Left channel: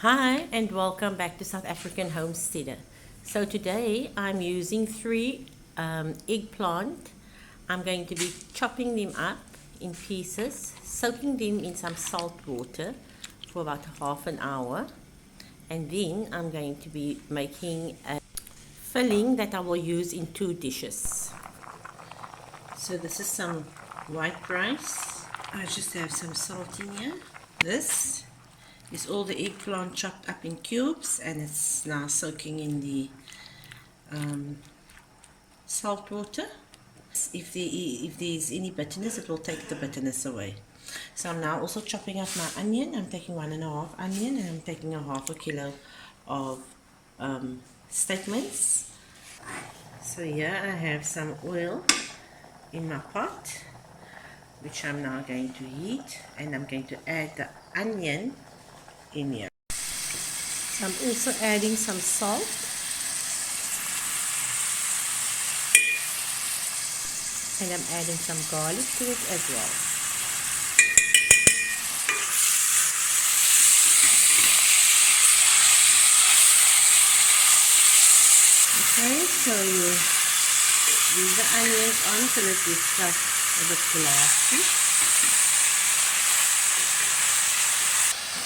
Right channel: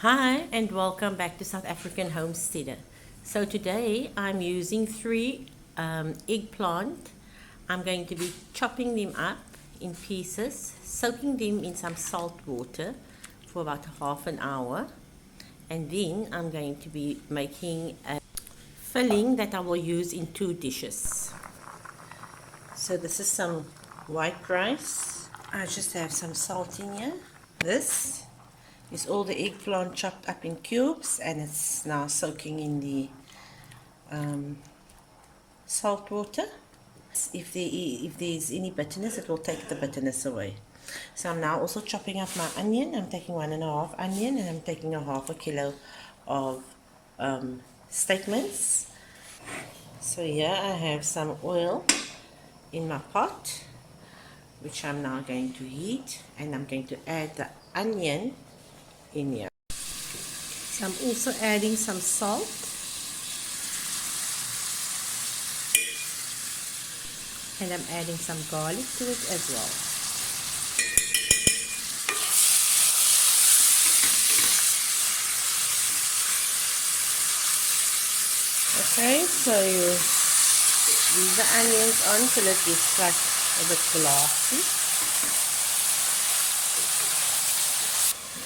Hi and welcome back to South African Homesteader. So today I'm using three eggplant. I'm going to be chopping them up in pieces, soaking them in some salt water for about half an hour, and then I'm going to be making a filling that I will use in two dishes. So this is some white rice. I just have some salt in here. This is all the eggplant chopped up in cubes, and it's now soaking in the salt water. If there's any bitterness, it will take the bitterness away. So I'm now also chopping up my onion. I'm taking 1.5 onion, and I'm taking a half a kilo of steak mince. So here I have some oil in my pot, which I'm now going to heat, and I'm going to add the onion in here. So I'm also adding some salt, and I'm adding some garlic to it as well. Okay, so you leave the onions on till it gets like a bit glassy.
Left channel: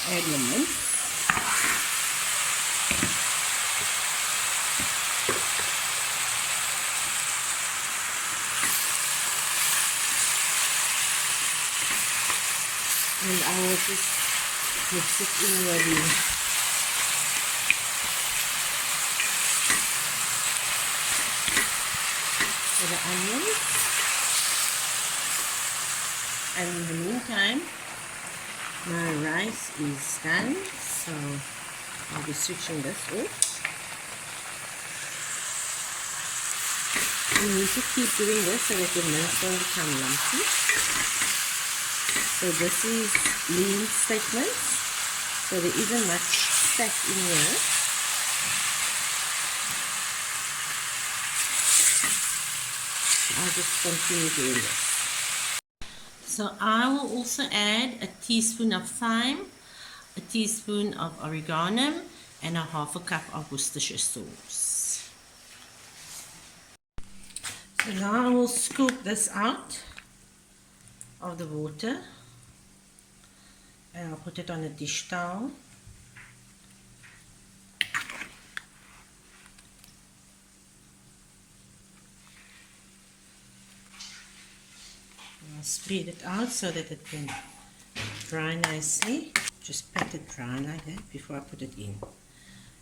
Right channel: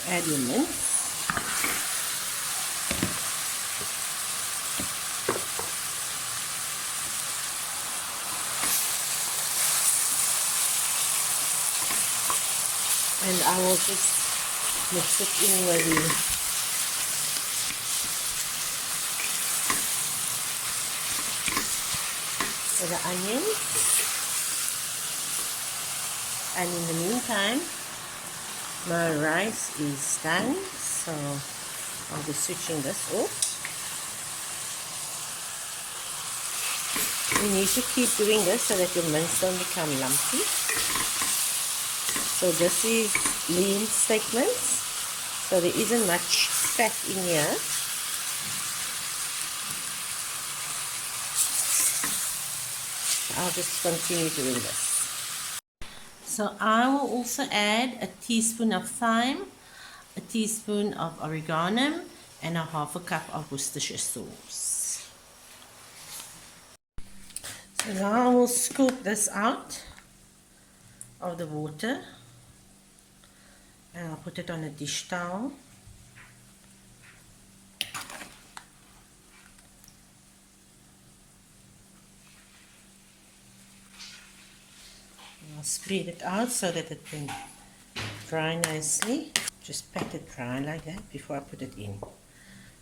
Add your mince. And I will just mix it in with the onions. And in the meantime, my rice is done, so I'll be switching this off. You need to keep doing this so that your mince don't become lumpy. So this is lean steak mince, so there isn't much fat in here. I'll just continue doing this. So I will also add a teaspoon of thyme, a teaspoon of oregano, and a half a cup of Worcestershire sauce. So now I will scoop this out of the water, and I'll put it on a dish towel. I'll spread it out so that it can dry nicely. Just pat it dry like that before I put it in,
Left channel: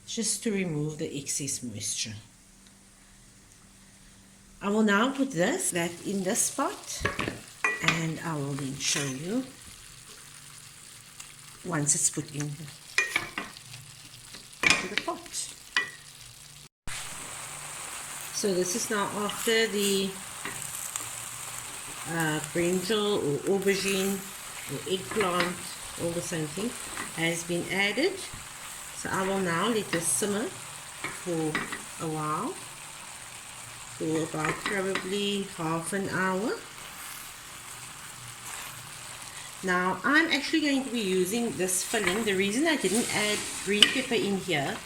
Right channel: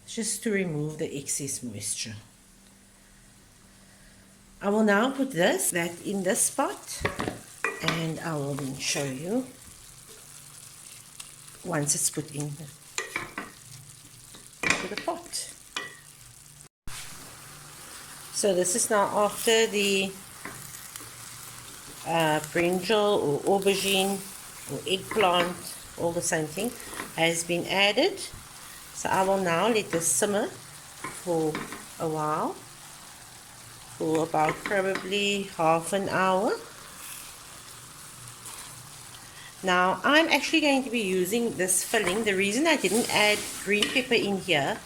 just to remove the excess moisture. I will now put that in this pot, and I will then show you once it's put into the pot. So this is now after the brinjal or aubergine or eggplant, all the same thing, has been added. So I will now let this simmer for a while, for about probably half an hour. Now I'm actually going to be using this filling. The reason I didn't add green pepper in here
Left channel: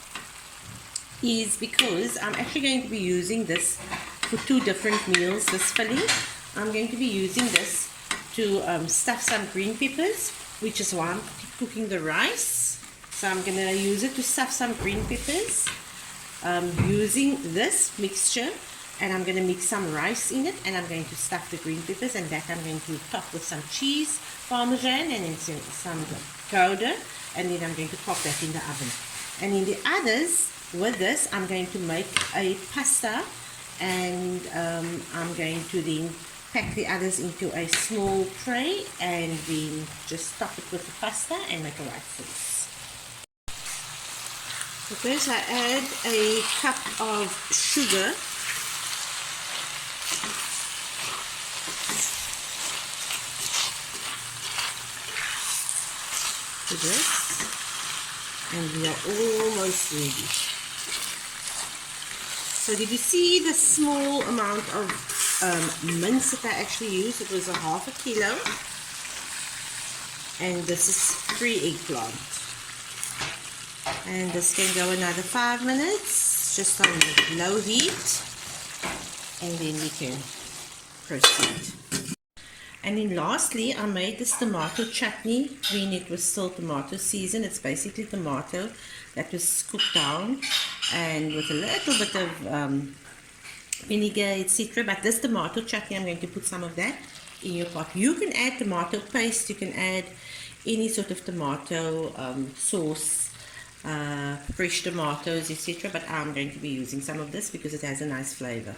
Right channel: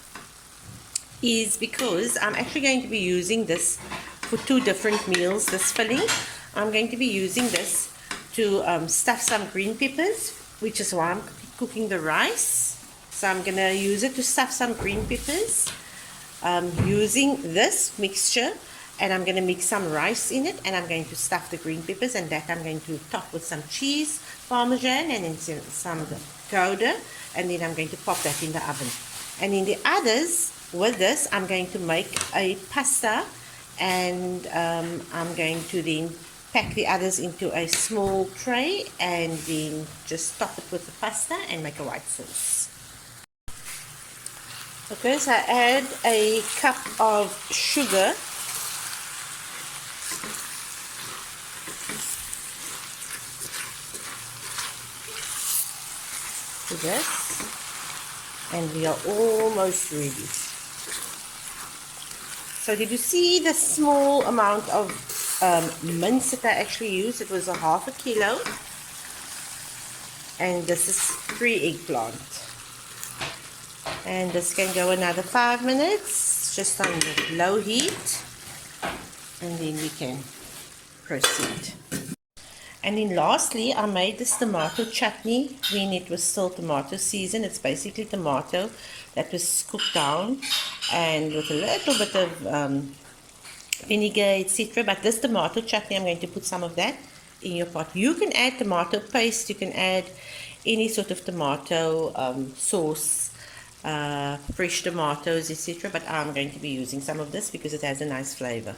is because I'm actually going to be using this for two different meals, this filling. I'm going to be using this to stuff some green peppers, which is why I'm cooking the rice. So I'm going to use it to stuff some green peppers using this mixture, and I'm going to mix some rice in it, and I'm going to stuff the green peppers, and that I'm going to top with some cheese, parmesan, and then some gouda, and then I'm going to pop that in the oven. And in the others, with this, I'm going to make a pasta, and I'm going to then pack the others into a small tray, and then just top it with the pasta and make a white sauce. So first I add a cup of sugar, to this, and we are almost ready. So did you see the small amount of mince that I actually used? It was a half a kilo, and this is 3 eggplant. And this can go another 5 minutes, just on the low heat, and then we can proceed. And then lastly, I made this tomato chutney when it was still tomato season. It's basically tomato that was cooked down and with a little bit of vinegar, etc. But this tomato chutney, I'm going to put some of that in your pot. You can add tomato paste, you can add any sort of tomato sauce, fresh tomatoes, etc. But I'm going to be using some of this because it has a nice flavor.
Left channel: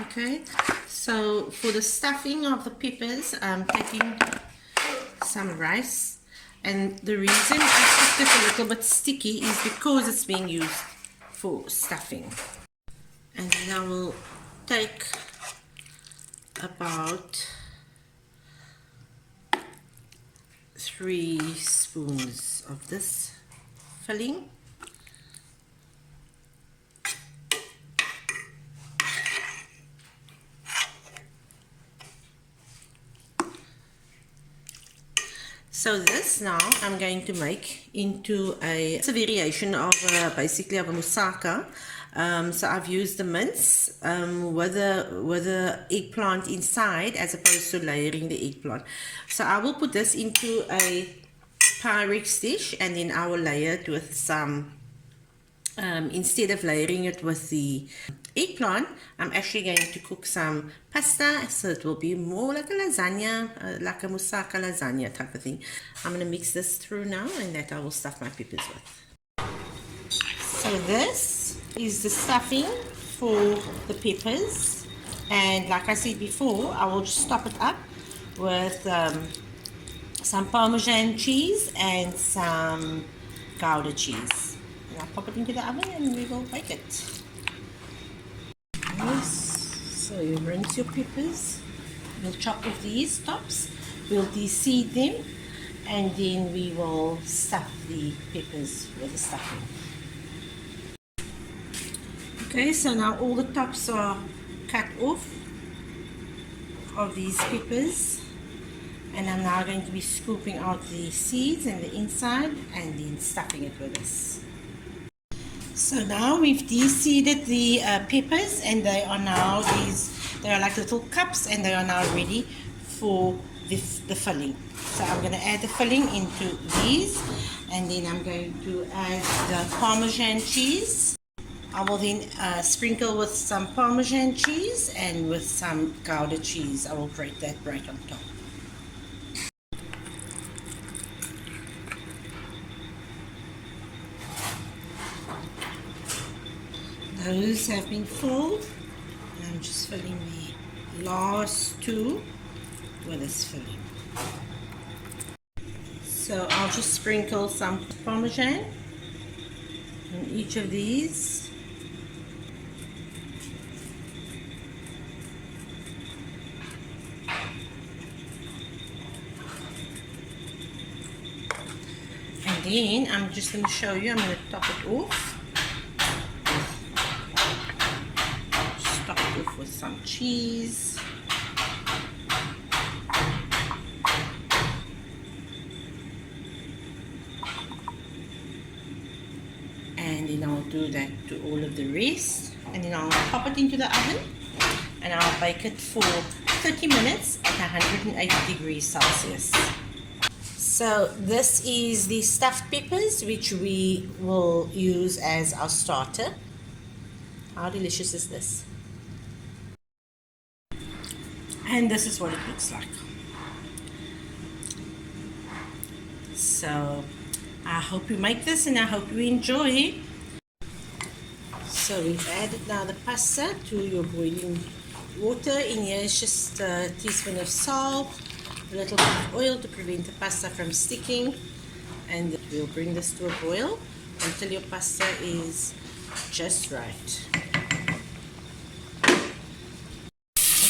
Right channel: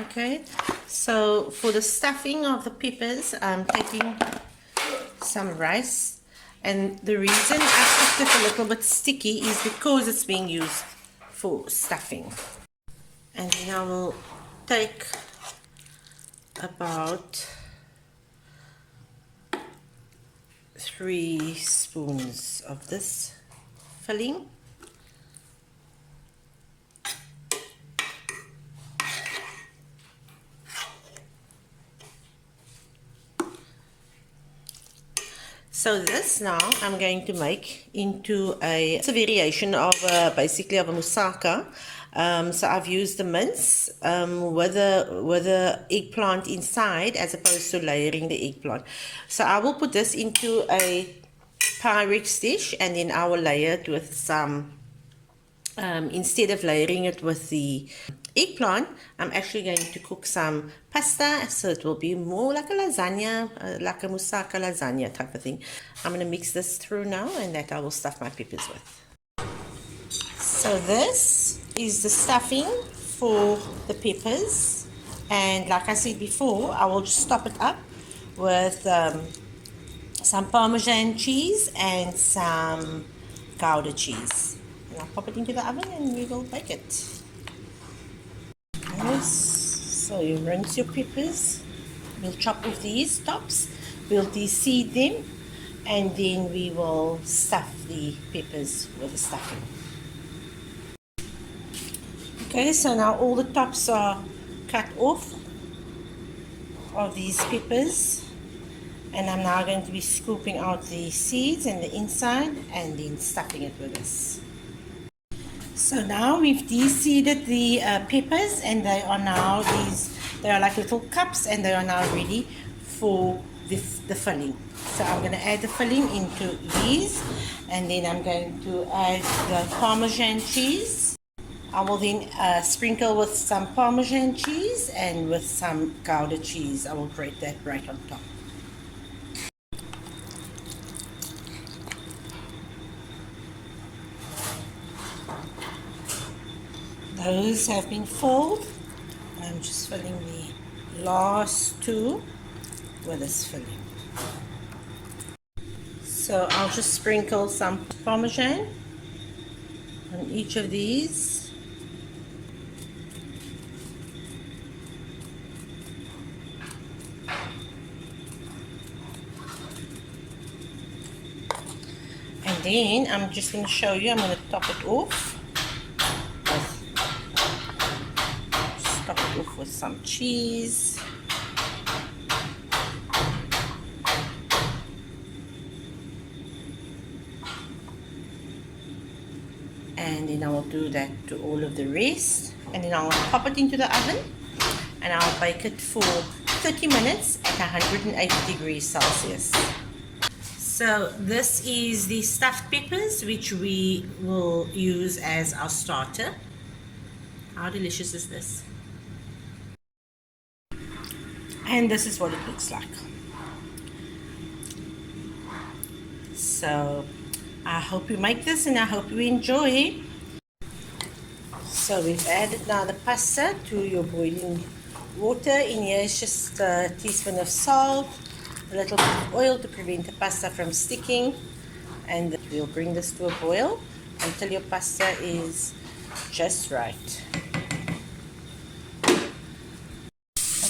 Okay, so for the stuffing of the peppers, I'm taking some rice, and the reason I kept it a little bit sticky is because it's being used for stuffing. And then I will take about 3 spoons of this filling. So this now I'm going to make into it's a variation of basically of a moussaka. So I've used the mince with the eggplant inside as opposed to layering the eggplant. So I will put this into a Pyrex dish, and then I will layer it with some, instead of layering it with the eggplant, I'm actually going to cook some pasta, so it will be more like a lasagna, like a moussaka lasagna type of thing. I'm going to mix this through now, and that I will stuff my peppers with. So this is the stuffing for the peppers, and like I said before, I will just top it up with some Parmesan cheese and some Gouda cheese. And I'll pop it into the oven and we will bake it. So you rinse your peppers, we'll chop off these tops, we'll de-seed them, and then we will stuff the peppers with the stuffing. Okay, so now all the tops are cut off of these peppers, and I'm now going to be scooping out the seeds and the inside and then stuffing it with this. So now we've de-seeded the peppers, and they are now they are like little cups, and they are now ready for the filling. So I'm going to add the filling into these, and then I'm going to add the Parmesan cheese. I will then sprinkle with some Parmesan cheese and with some Gouda cheese. I will grate that right on top. Those have been filled, and I'm just filling the last 2 with this filling. So I'll just sprinkle some Parmesan on each of these. And then I'm just going to show you, I'm going to top it off. Top it off with some cheese. And then I will do that to all of the rest. And then I'll pop it into the oven, and I'll bake it for 30 minutes at 180 degrees Celsius. So this is the stuffed peppers, which we will use as our starter. How delicious is this? And this is what it looks like. So I hope you make this, and I hope you enjoy. So we've added now the pasta to your boiling water. In here is just a teaspoon of salt, a little bit of oil to prevent the pasta from sticking, and we'll bring this to a boil until your pasta is just right.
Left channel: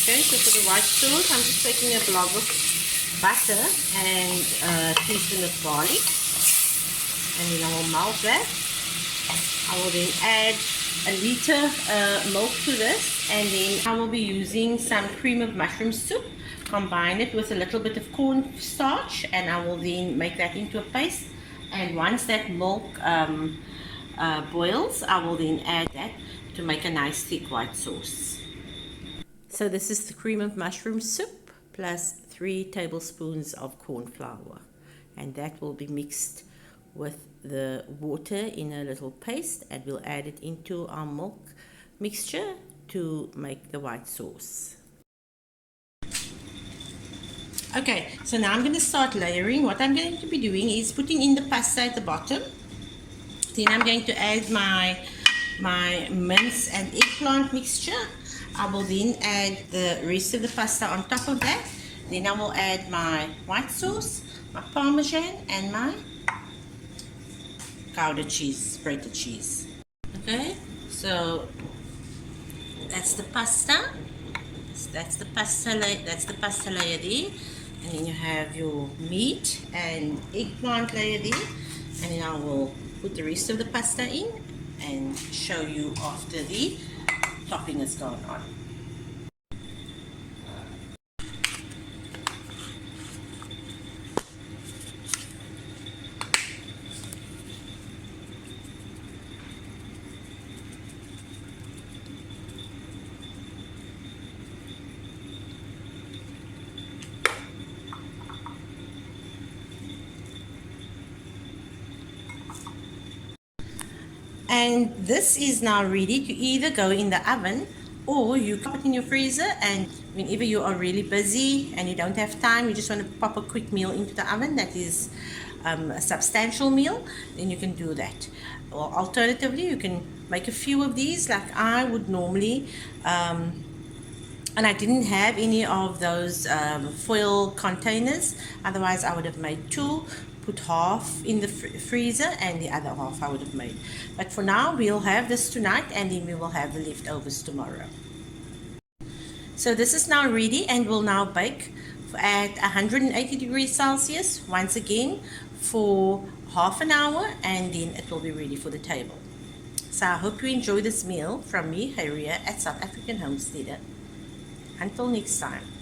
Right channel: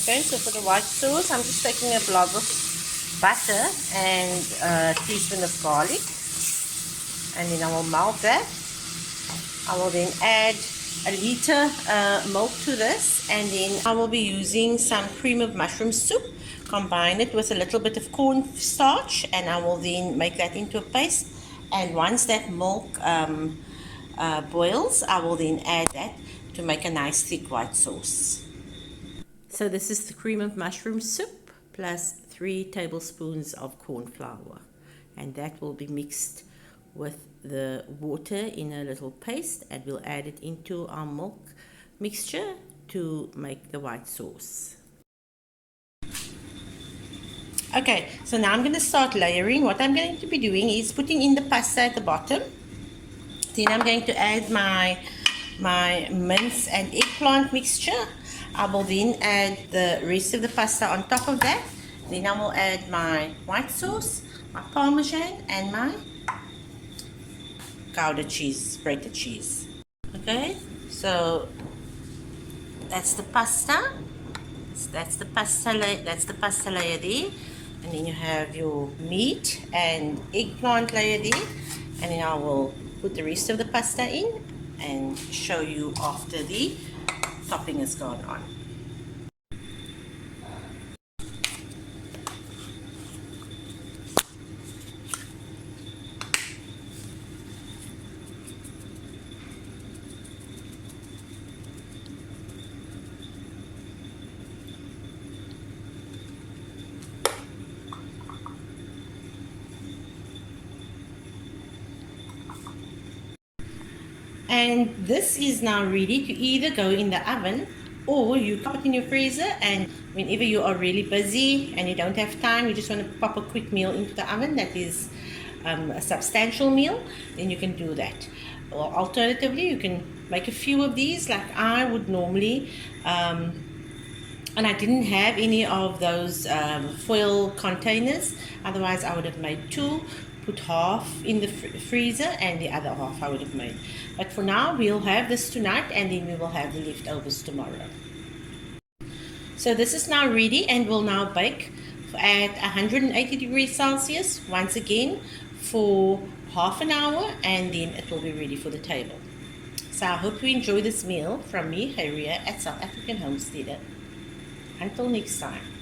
Okay, so for the white sauce, I'm just taking a blob of butter and a teaspoon of garlic, and then I will melt that. I will then add a liter milk to this, and then I will be using some cream of mushroom soup, combine it with a little bit of cornstarch, and I will then make that into a paste, And once that milk boils, I will then add that to make a nice thick white sauce. So this is the cream of mushroom soup plus 3 tablespoons of corn flour, and that will be mixed with the water in a little paste, and we'll add it into our milk mixture to make the white sauce. Okay, so now I'm going to start layering. What I'm going to be doing is putting in the pasta at the bottom. Then I'm going to add my mince and eggplant mixture. I will then add the rest of the pasta on top of that. Then I will add my white sauce, my parmesan, and my Gouda cheese, grated cheese. Okay, so that's the pasta. That's the pasta layer there. And then you have your meat and eggplant layer there. And then I will put the rest of the pasta in and show you after the topping has gone on. And this is now ready to either go in the oven, or you pop it in your freezer, and whenever you are really busy and you don't have time, you just want to pop a quick meal into the oven that is a substantial meal, then you can do that. Or alternatively, you can make a few of these like I would normally, and I didn't have any of those foil containers, otherwise I would have made 2, put half in the freezer and the other half I would have made. But for now, we'll have this tonight, and then we will have the leftovers tomorrow. So this is now ready and will now bake at 180 degrees Celsius once again for half an hour, and then it will be ready for the table. So I hope you enjoy this meal from me, Harriet, at South African Homesteader. Until next time.